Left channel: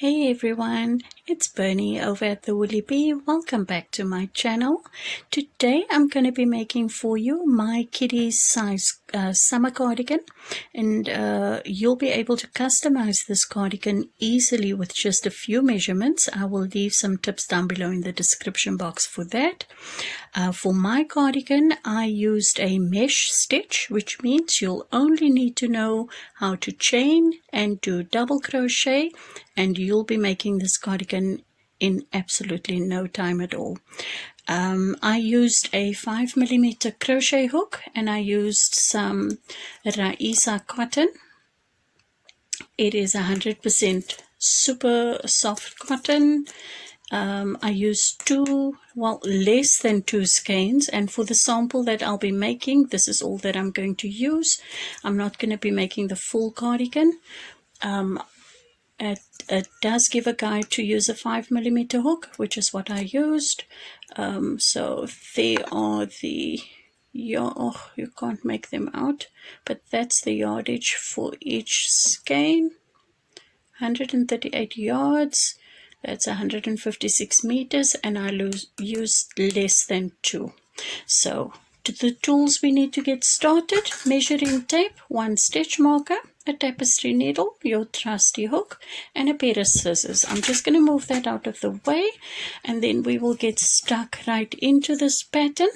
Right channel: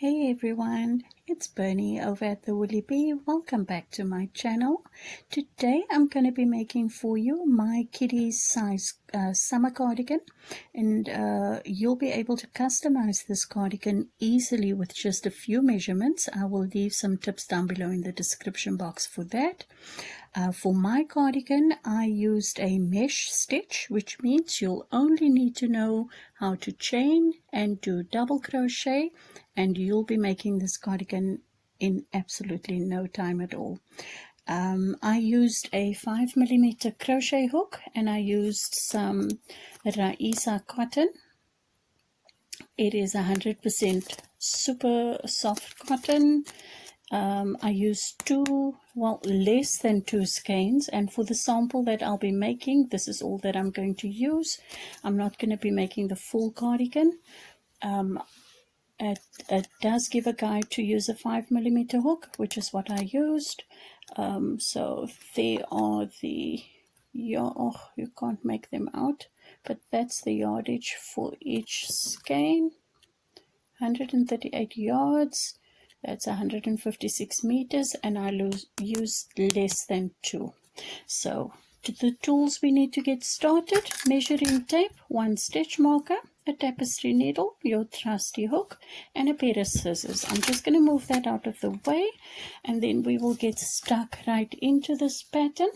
Hey everyone, it's Bernie over at the Woolly Bee. Welcome back to my channel. Today I'm going to be making for you my kiddie's size summer cardigan, and you'll be able to customize this cardigan easily with just a few measurements. I will leave some tips down below in the description box for that. For my cardigan, I used a mesh stitch, which means you'll only need to know how to chain and do double crochet, and you'll be making this cardigan in absolutely no time at all. I used a 5mm crochet hook, and I used some Raeesa cotton. It is 100% super soft cotton. I used less than 2 skeins, and for the sample that I'll be making, this is all that I'm going to use. I'm not going to be making the full cardigan. It does give a guide to use a 5mm hook, which is what I used. So there are the, you can't make them out, but that's the yardage for each skein. 138 yards. That's 156 meters, and I used less than 2. So to the tools we need to get started: measuring tape, 1 stitch marker, a tapestry needle, your trusty hook, and a pair of scissors. I'm just going to move that out of the way, and then we will get stuck right into this pattern.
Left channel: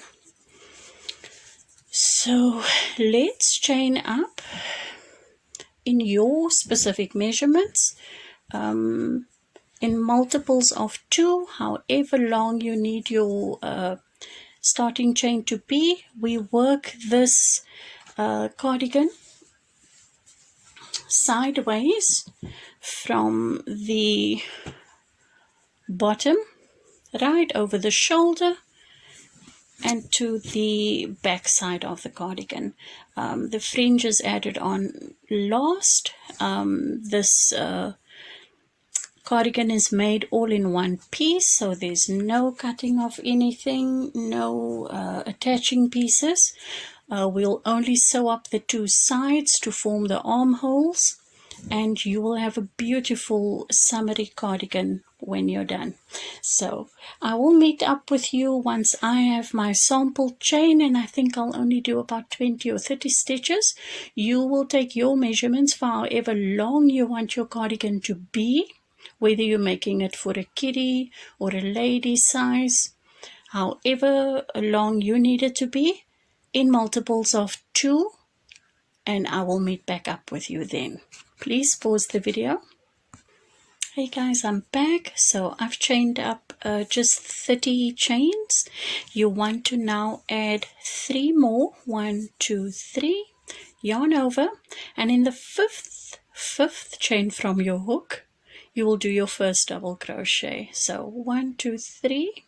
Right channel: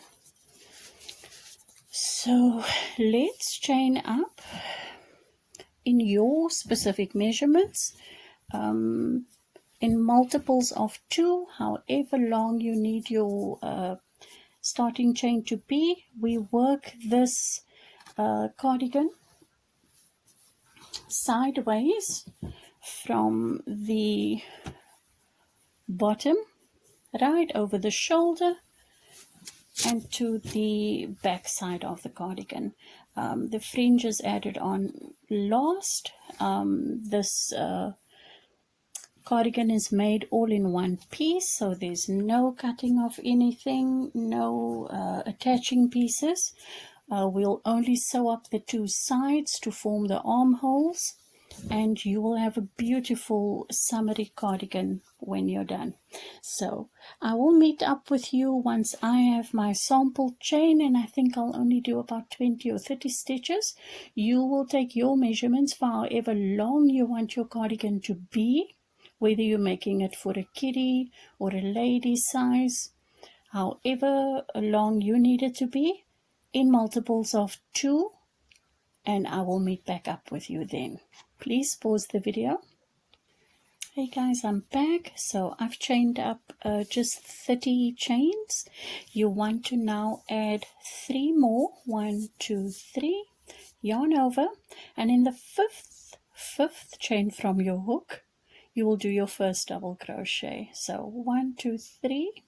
So let's chain up in your specific measurements. In multiples of 2, however long you need your starting chain to be. We work this cardigan sideways from the bottom right over the shoulder and to the back side of the cardigan. The fringe is added on last. This cardigan is made all in one piece, so there's no cutting of anything, no attaching pieces. We'll only sew up the 2 sides to form the armholes, and you will have a beautiful summery cardigan when you're done. So I will meet up with you once I have my sample chain, and I think I'll only do about 20 or 30 stitches. You will take your measurements for however long you want your cardigan to be, whether you're making it for a kiddie or a lady size, however long you need it to be, in multiples of 2, and I will meet back up with you then. Please pause the video. Hey guys, I'm back. So I've chained up just 30 chains. You want to now add 3 more. 1, 2, 3. Yarn over, and in the fifth chain from your hook, you will do your first double crochet. So 1, 2, 3,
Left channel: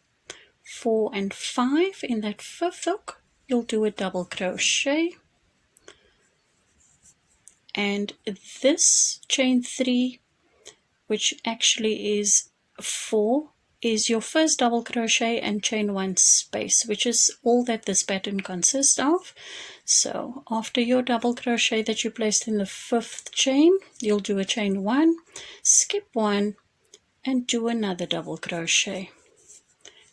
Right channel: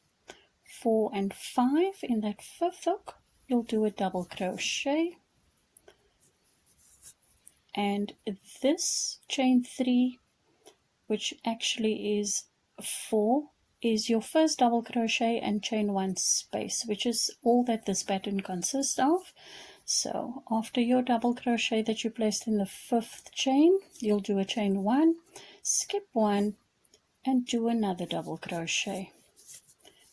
4, and 5. In that 5th hook, you'll do a double crochet. And this chain 3, which actually is 4, is your first double crochet and chain 1 space, which is all that this pattern consists of. So after your double crochet that you placed in the 5th chain, you'll do a chain 1, skip 1, and do another double crochet.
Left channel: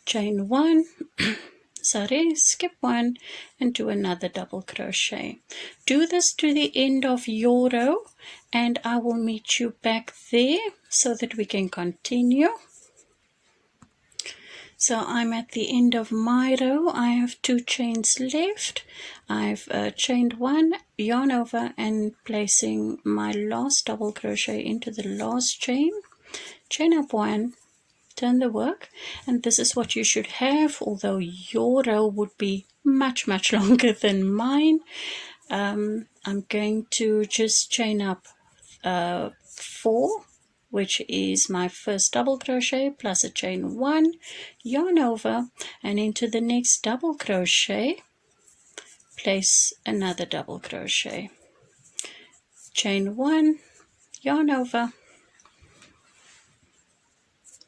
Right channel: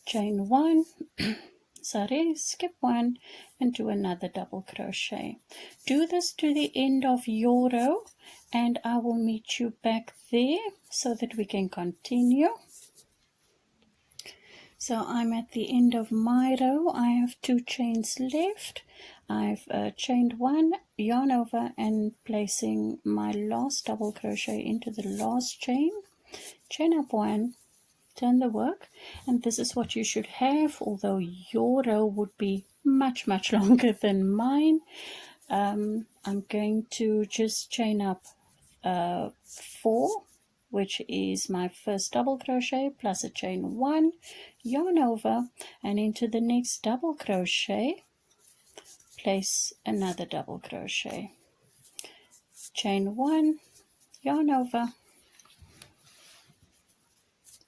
Chain 1, skip 1, and do another double crochet. Do this to the end of your row, and I will meet you back there so that we can continue. So I'm at the end of my row. I have 2 chains left. I've chained 1, yarn over, and placing my last double crochet into the last chain. Chain up 1, turn the work, and this is what you should have, although your row would be much longer than mine. I'm going to just chain up 4, which is my first double crochet, plus a chain 1, yarn over, and into the next double crochet, place another double crochet. Chain 1, yarn over,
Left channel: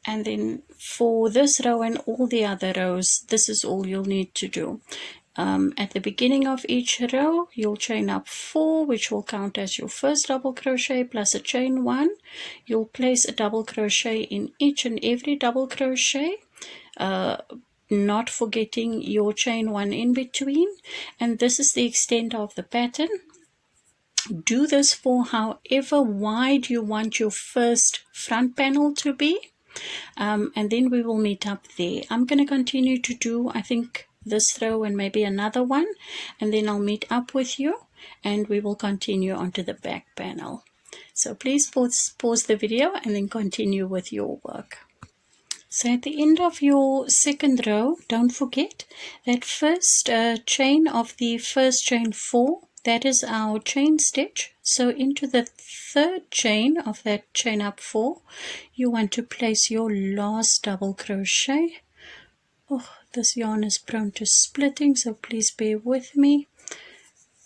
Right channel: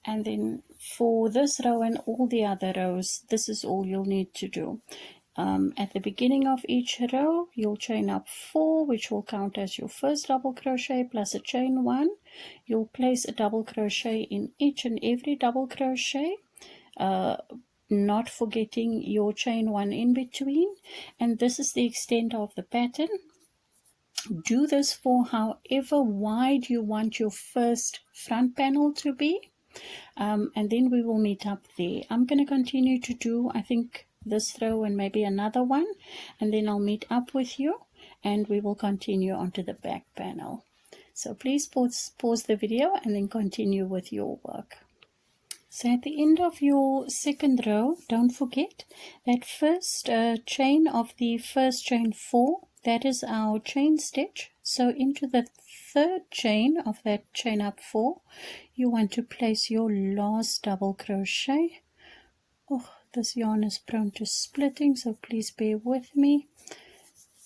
and then for this row and all the other rows, this is all you'll need to do. At the beginning of each row, you'll chain up 4, which will count as your first double crochet plus a chain 1. You'll place a double crochet in each and every double crochet, not forgetting your chain 1 in between. And this is the extent of the pattern. Do this for however wide you want your first front panel to be. And then we will meet up there. I'm going to continue to do, I think, this row and maybe another one, and then I'll meet up with you and we will continue onto the back panel. So please pause the video and then continue with your work. So at the end of your second row, don't forget that first chain of the first chain 4, that is our chain stitch. So into the third chain of that chain up 4, you want to place your last double crochet. Oh, this yarn is prone to splitting, so please bear with me.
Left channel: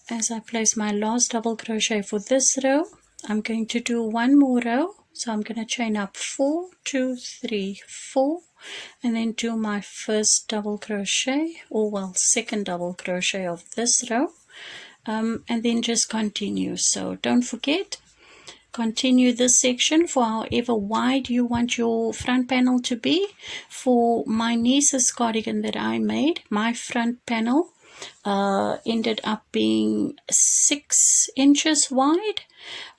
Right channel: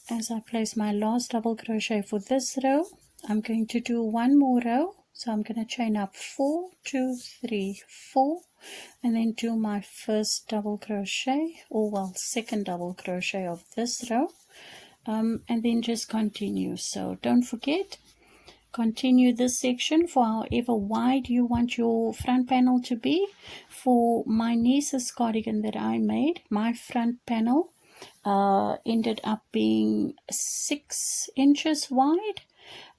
As I place my last double crochet for this row, I'm going to do one more row. So I'm going to chain up 4, 2, 3, 4, and then do my first double crochet, or well, second double crochet of this row, and then just continue. So don't forget, continue this section for however wide you want your front panel to be. For my niece's cardigan that I made, my front panel ended up being 6 inches wide,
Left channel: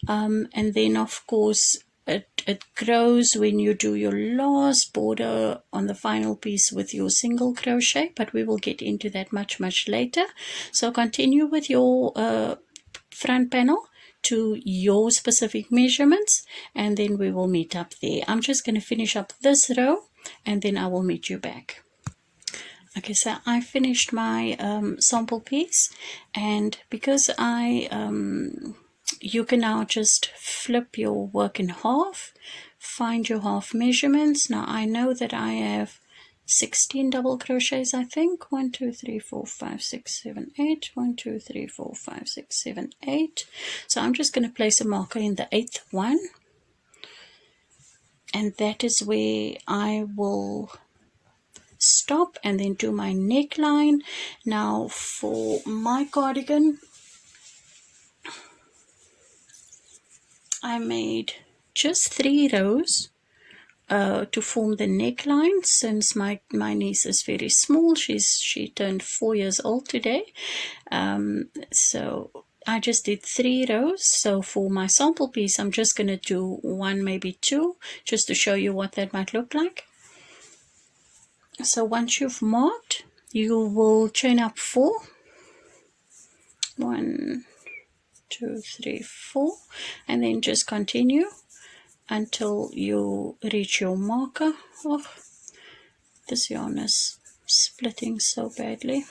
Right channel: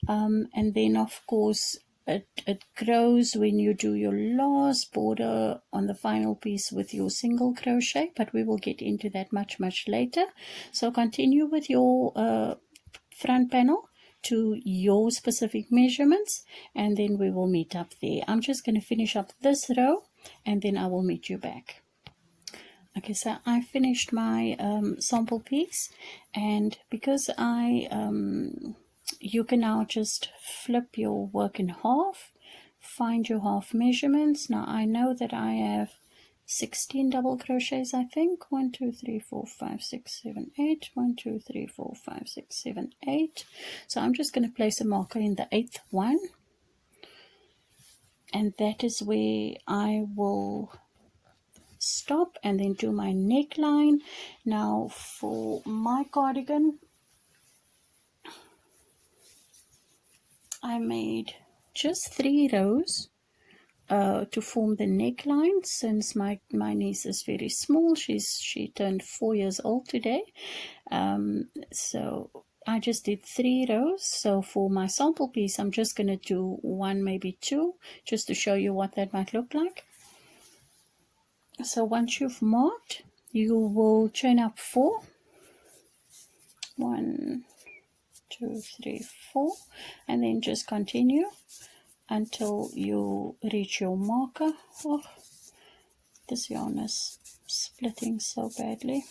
and then of course it grows when you do your last border on the final piece with your single crochet, but we will get into that much later. So continue with your front panel to your specific measurements, and then we will meet up there. I'm just going to finish up this row and then I will meet you back. Okay, so I finished my sample piece, and because you can now just flip your work in half, find your half measurements. Now I know that I have 16 double crochets, I think. 1, 2, 3, 4, 5, 6, 7, 8. 1, 2, 3, 4, 5, 6, 7, 8. So I'm just going to place a marker in the 8th one, and that is where I will stop and then do my neckline. Now for my cardigan, I made just 3 rows to form the neckline, since my niece is very small. She turned 4 years old today, so I just did 3 rows. So for my sample piece, I'm just going to do 1, maybe 2, just to show you what that might look like. So once you've marked, you will chain up 4. 1, 2, 3, 4, and then just continue until you reach your marker. Oh, this yarn is splitting so badly,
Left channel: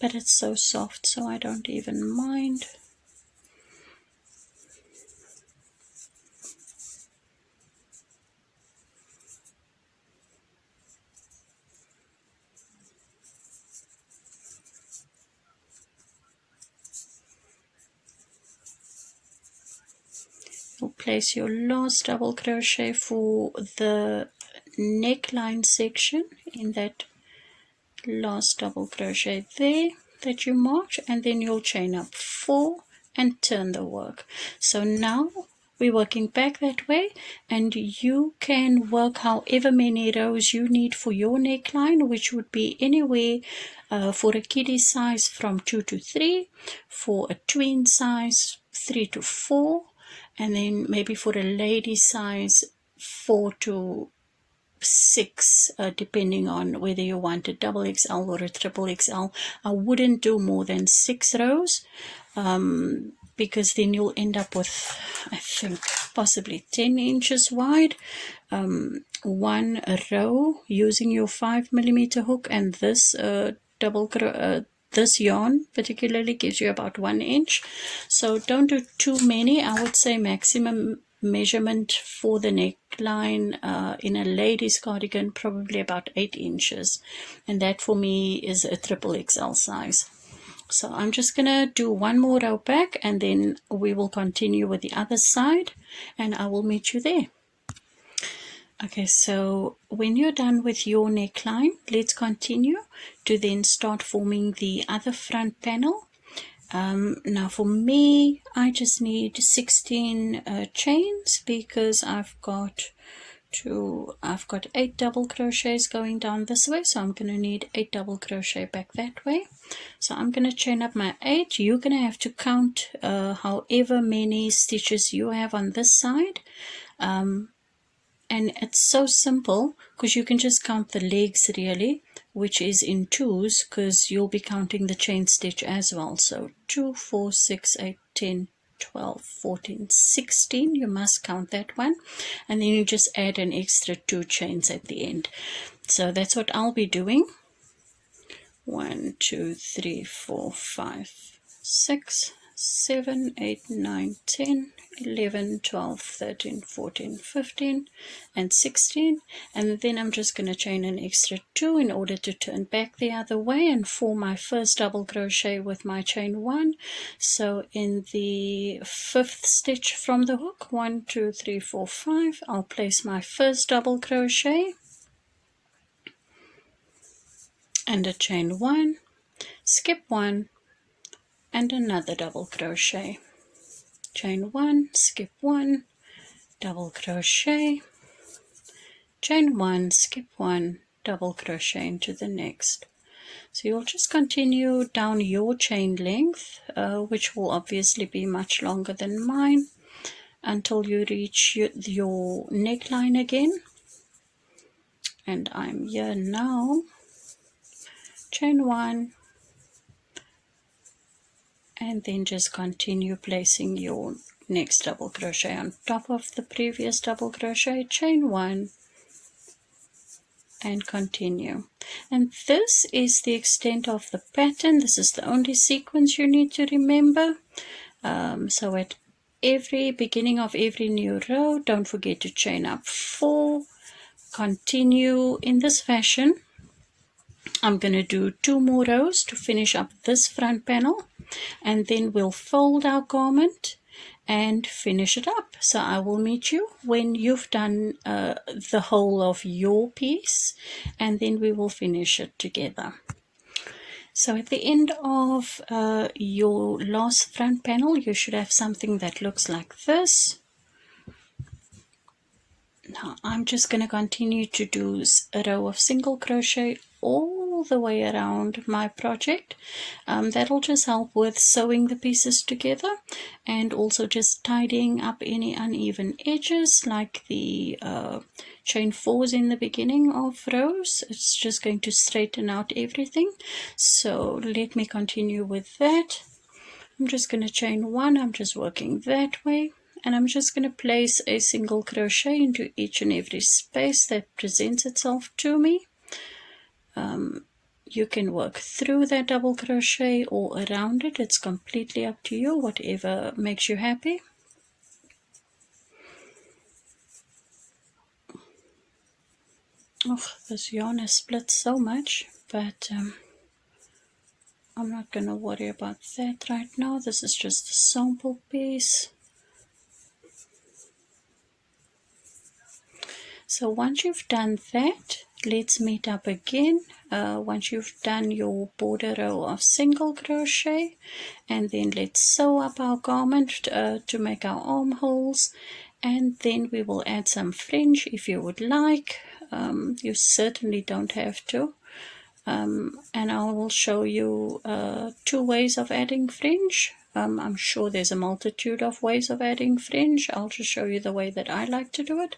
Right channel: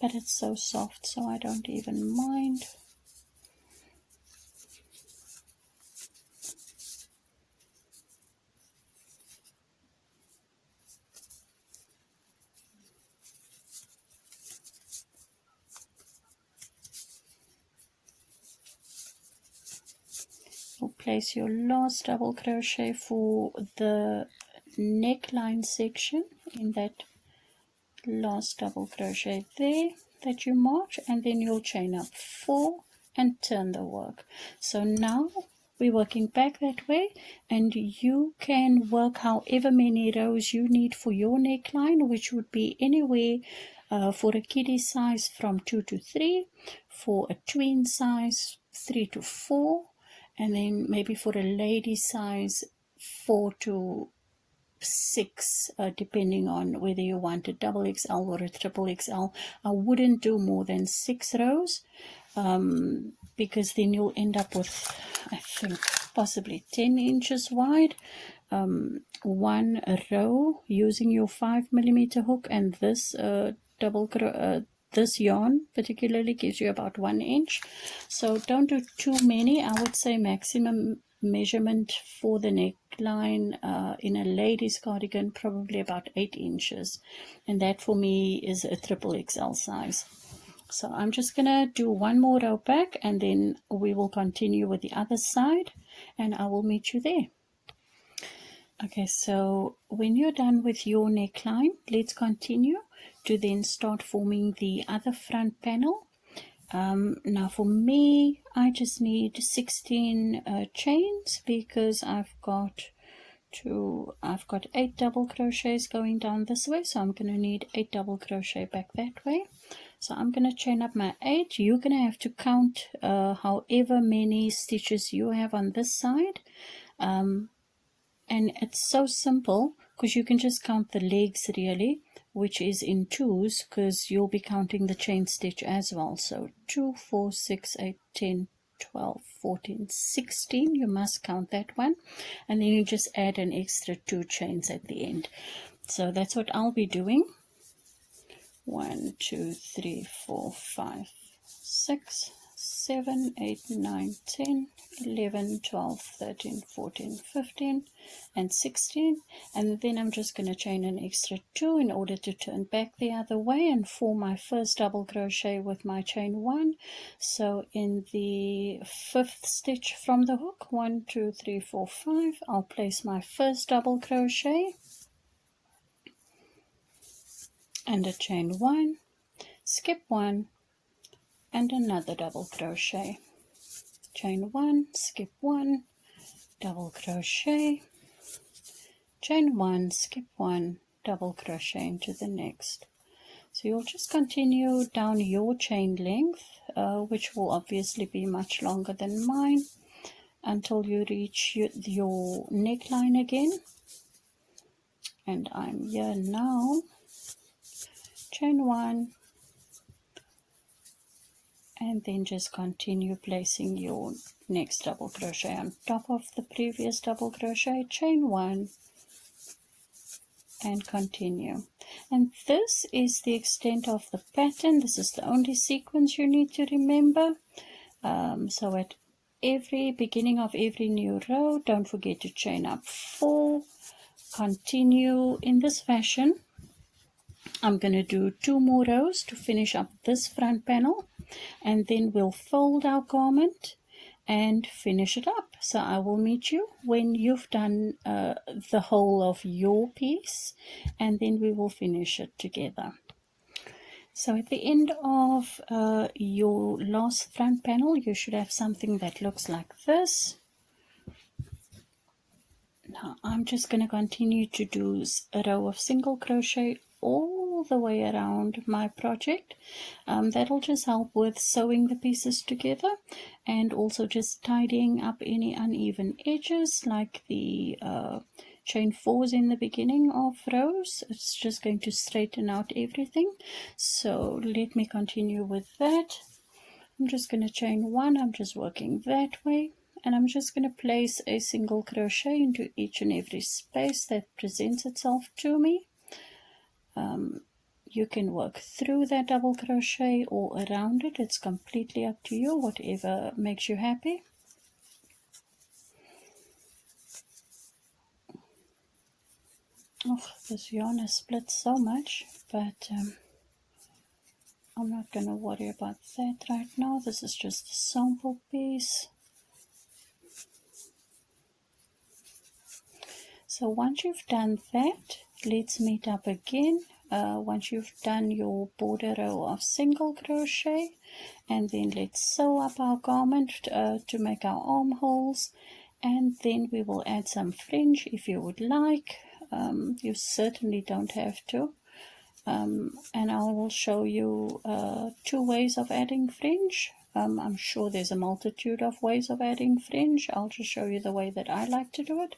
but it's so soft, so I don't even mind. You'll place your last double crochet for the neckline section in that last double crochet there that you marked, and then you'll chain up 4 and turn the work. So now we're working back that way, and you can work however many rows you need for your neckline, which would be anywhere for a kiddie size from 2 to 3, for a tween size 3 to 4, and then maybe for a lady size 4 to 6, depending on whether you want a double XL or a triple XL. I wouldn't do more than 6 rows, because then you'll end up with, I think, possibly 10 inches wide. 1 row using your 5mm hook, and this this yarn particularly gives you about 1 inch. So don't do too many. I would say maximum measurement for the neckline in a lady's cardigan probably about 8 inches, and that for me is a triple XL size. So I'm just gonna do 1 more row back, and then we will continue with the other side, and I will meet you there. Okay, so when you're done with your neckline, let's continue to then start forming the other front panel. Now for me, I just need 16 chains because I've got 8 double crochets going down this way, so I'm going to need 8 double crochet back that way. So I'm going to chain up my 8. You're going to have to count however many stitches you have on this side. And it's so simple because you can just count the legs really, which is in twos, because you'll be counting the chain stitch as well. So 2, 4, 6, 8, 10, 12, 14, 16. You must count that one, and then you just add an extra 2 chains at the end. So that's what I'll be doing. 1, 2, 3, 4, 5, 6, 7, 8, 9, 10, 11, 12, 13, 14, 15 and 16, and then I'm just going to chain an extra 2 in order to turn back the other way and form my first double crochet with my chain 1. So in the 5th stitch from the hook, 1, 2, 3, 4, 5, I'll place my first double crochet and a chain 1, skip 1 and another double crochet, chain 1, skip 1, double crochet, chain 1, skip 1, double crochet into the next. So you'll just continue down your chain length, which will obviously be much longer than mine, until you reach your neckline again. And I'm here now. Chain 1, and then just continue placing your next double crochet on top of the previous double crochet, chain 1 and continue. And this is the extent of the pattern. This is the only sequence you need to remember. So at every beginning of every new row, don't forget to chain up 4, continue in this fashion. I'm going to do 2 more rows to finish up this front panel, and then we'll fold our garment and finish it up. So I will meet you when you've done the whole of your piece, and then we will finish it together. So at the end of your last front panel, you should have something that looks like this. Now I'm just going to continue to do a row of single crochet all the way around my project. That'll just help with sewing the pieces together, and also just tidying up any uneven edges like the chain 4s in the beginning of rows. It's just going to straighten out everything. So let me continue with that. I'm just going to chain 1. I'm just working that way, and I'm just going to place a single crochet into each and every space that presents itself to me. You can work through that double crochet or around it. It's completely up to you, whatever makes you happy. Oh, this yarn has split so much, but I'm not going to worry about that right now. This is just a sample piece. So once you've done that, let's meet up again. Once you've done your border row of single crochet, and then let's sew up our garment to make our armholes, and then we will add some fringe if you would like. You certainly don't have to. And I will show you 2 ways of adding fringe. I'm sure there's a multitude of ways of adding fringe. I'll just show you the way that I like to do it.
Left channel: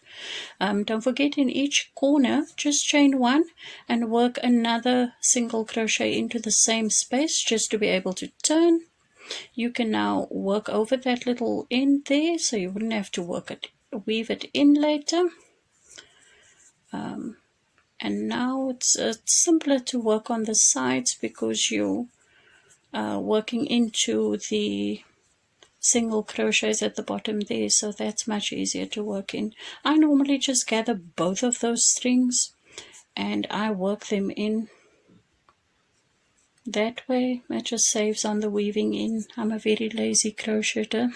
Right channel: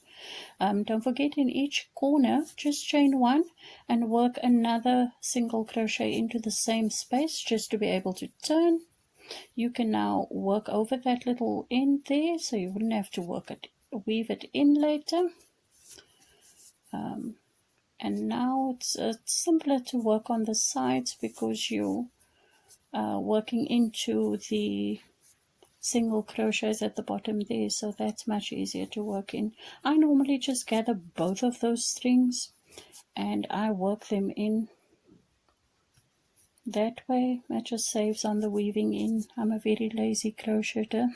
Don't forget, in each corner just chain 1 and work another single crochet into the same space just to be able to turn. You can now work over that little end there, so you wouldn't have to weave it in later. And now it's simpler to work on the sides because you working into the single crochets at the bottom there, so that's much easier to work in. I normally just gather both of those strings and I work them in that way. That just saves on the weaving in. I'm a very lazy crocheter.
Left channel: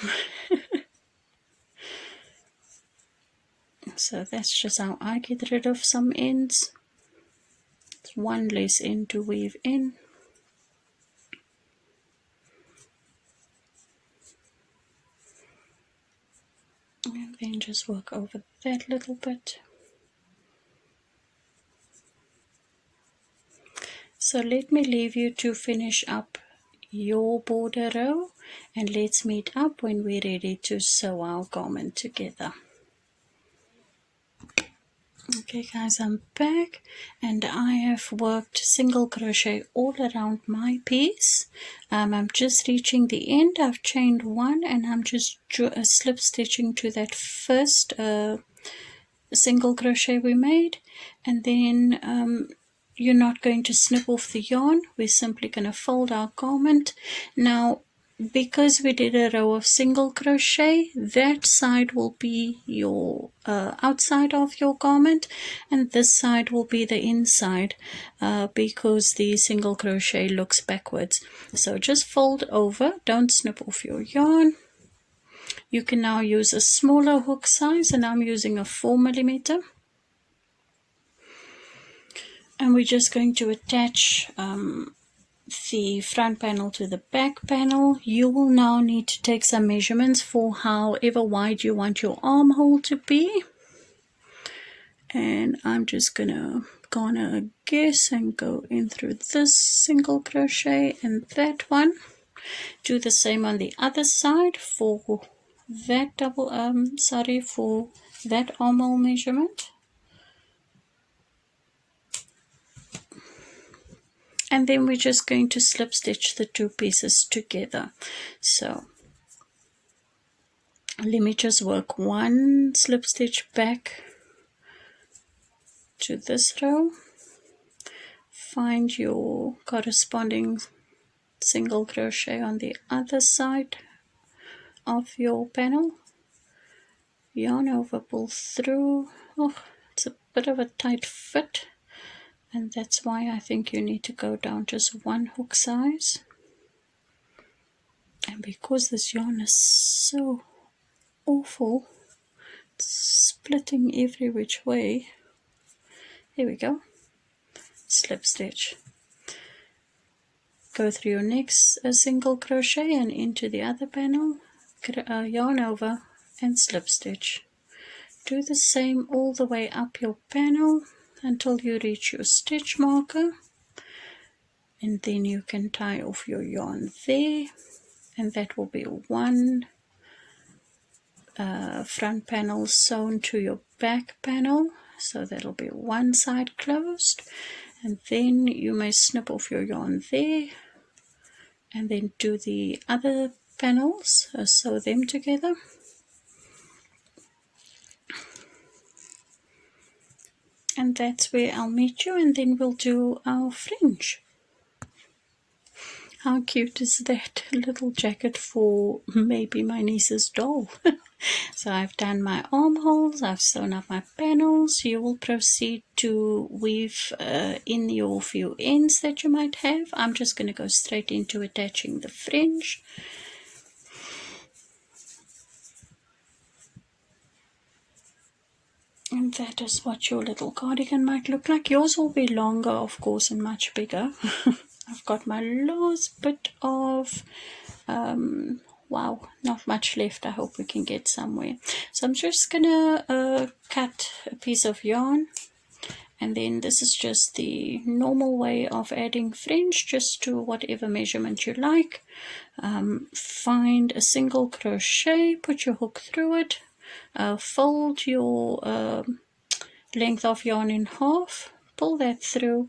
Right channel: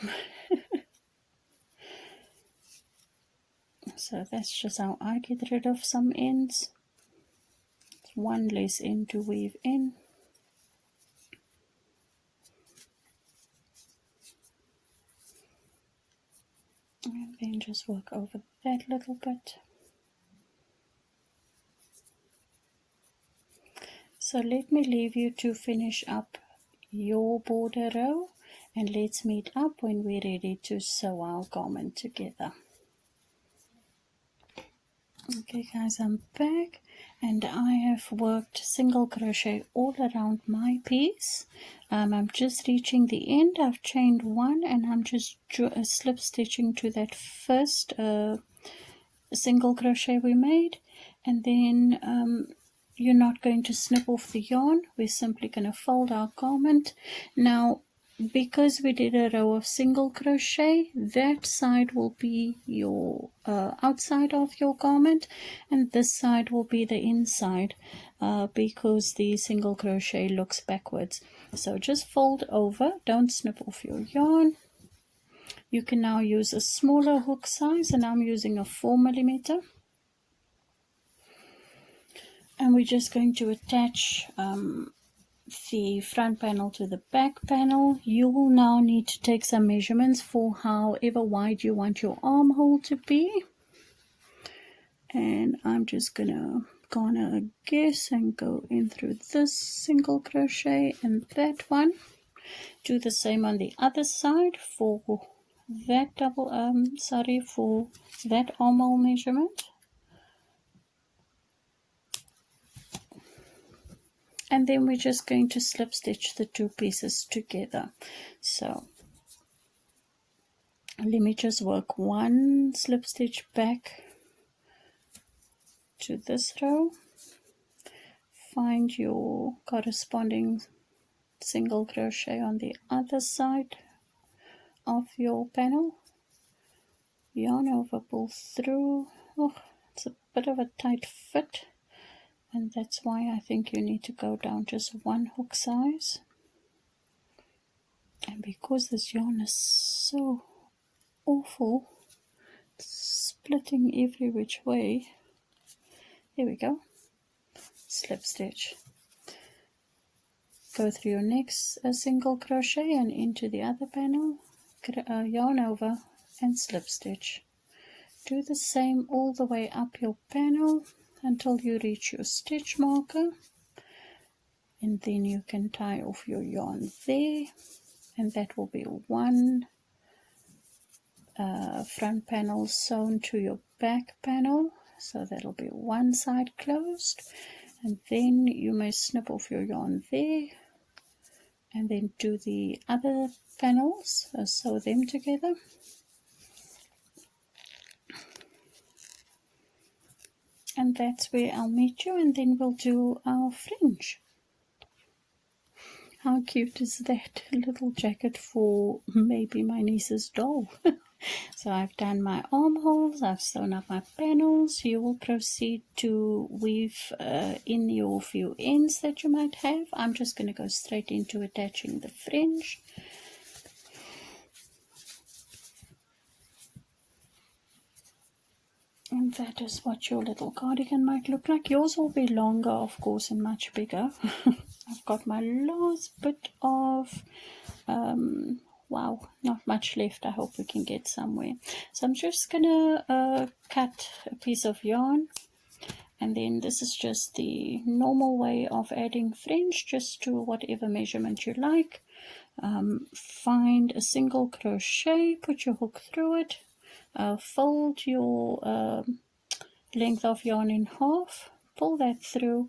So that's just how I get rid of some ends. It's one less end to weave in. And then just work over that little bit. So let me leave you to finish up your border row, and let's meet up when we're ready to sew our garment together. Okay guys, I'm back, and I have worked single crochet all around my piece. I'm just reaching the end. I've chained one and I'm just slip stitching to that first single crochet we made, and then you're not going to snip off the yarn. We're simply going to fold our garment. Now, because we did a row of single crochet, that side will be your outside of your garment, and this side will be the inside, because the single crochet looks backwards. So just fold over, don't snip off your yarn. You can now use a smaller hook size, and I'm using a 4mm. And we're just going to attach the front panel to the back panel. You will now need to take some measurements for however wide you want your armhole to be. And I'm just gonna guess and go in through this single crochet and that one. Do the same on the other side for that for that armhole measurement. And then we're just going to slip stitch the two pieces together. So let me just work one slip stitch back to this row. Find your corresponding single crochet on the other side of your panel. Yarn over, pull through. Oh, it's a bit of a tight fit, and that's why I think you need to go down just one hook size. And because this yarn is so awful, it's splitting every which way. There we go. Slip stitch. Go through your next single crochet and into the other panel. Yarn over and slip stitch. Do the same all the way up your panel until you reach your stitch marker, and then you can tie off your yarn there, and that will be one front panel sewn to your back panel, so that'll be one side closed, and then you may snip off your yarn there and then do the other panels, sew them together. And that's where I'll meet you, and then we'll do our fringe. How cute is that? A little jacket for maybe my niece's doll. So I've done my armholes, I've sewn up my panels. You will proceed to weave in your few ends that you might have. I'm just going to go straight into attaching the fringe. And that is what your little cardigan might look like. Yours will be longer, of course, and much bigger. I've got my last bit of, wow, not much left. I hope we can get somewhere. So I'm just going to cut a piece of yarn. And then this is just the normal way of adding fringe, just to whatever measurement you like. Find a single crochet, put your hook through it. Fold your length of yarn in half, pull that through,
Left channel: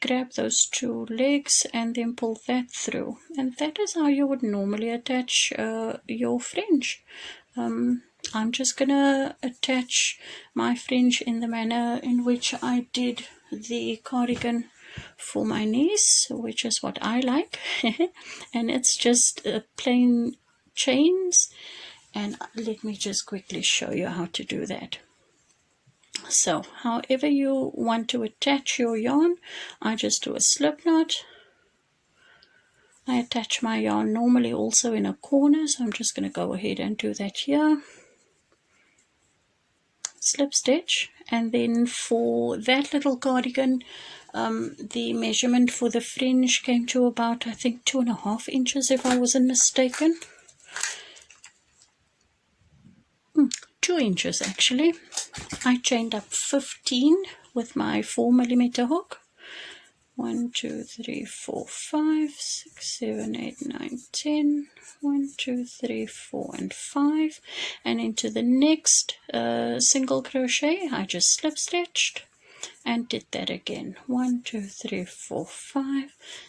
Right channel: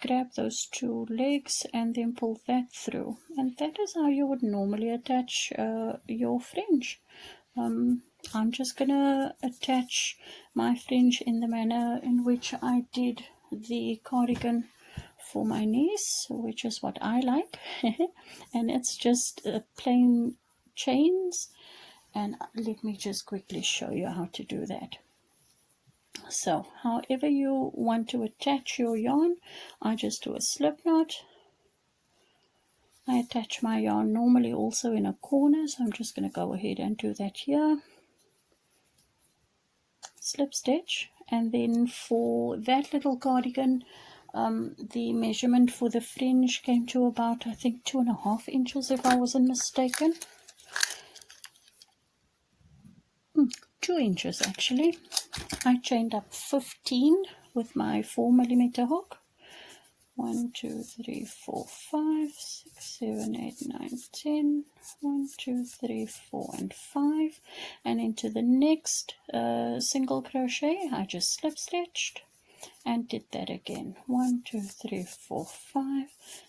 grab those two legs and then pull that through, and that is how you would normally attach your fringe. I'm just gonna attach my fringe in the manner in which I did the cardigan for my niece, which is what I like. And it's just plain chains. And let me just quickly show you how to do that. So however you want to attach your yarn, I just do a slip knot. I attach my yarn normally also in a corner, so I'm just going to go ahead and do that here. slip stitch, and then for that little cardigan, the measurement for the fringe came to about, I think, 2.5 inches, if I wasn't mistaken. 2 inches actually. I chained up 15 with my 4mm hook. 1, 2, 3, 4, 5, 6, 7, 8, 9, 10. 1, 2, 3, 4, and 5. And into the next single crochet, I just slip stitched and did that again. 1, 2, 3, 4, 5,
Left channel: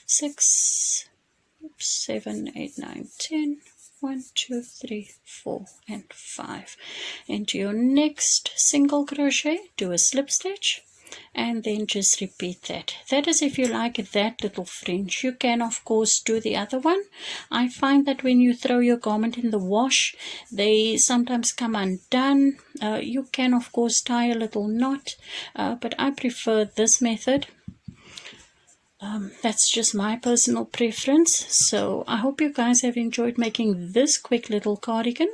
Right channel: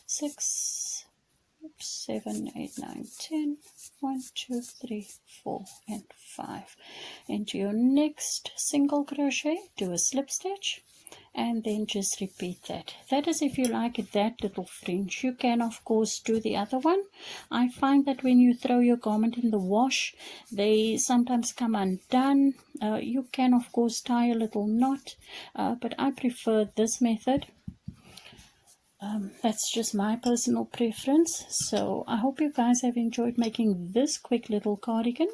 6, 7, 8, 9, 10. 1, 2, 3, 4, and 5. Into your next single crochet, do a slip stitch, and then just repeat that. That is if you like that little fringe. You can of course do the other one. I find that when you throw your garment in the wash, they sometimes come undone. You can of course tie a little knot, but I prefer this method. That's just my personal preference. So I hope you guys have enjoyed making this quick little cardigan.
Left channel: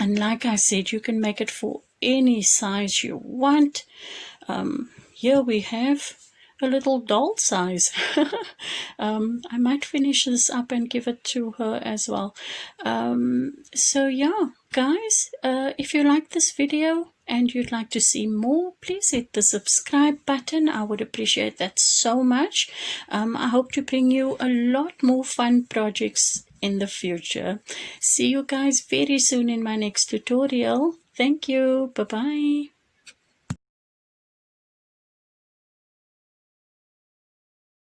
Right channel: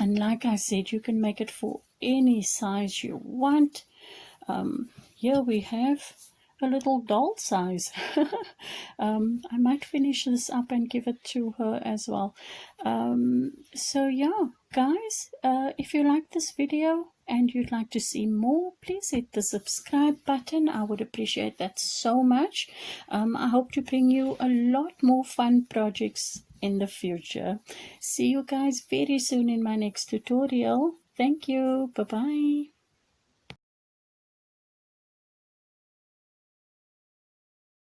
And like I said, you can make it for any size you want. Here we have a little doll size. I might finish this up and give it to her as well. So yeah, guys, if you like this video and you'd like to see more, please hit the subscribe button. I would appreciate that so much. I hope to bring you a lot more fun projects in the future. See you guys very soon in my next tutorial. Thank you. Bye-bye.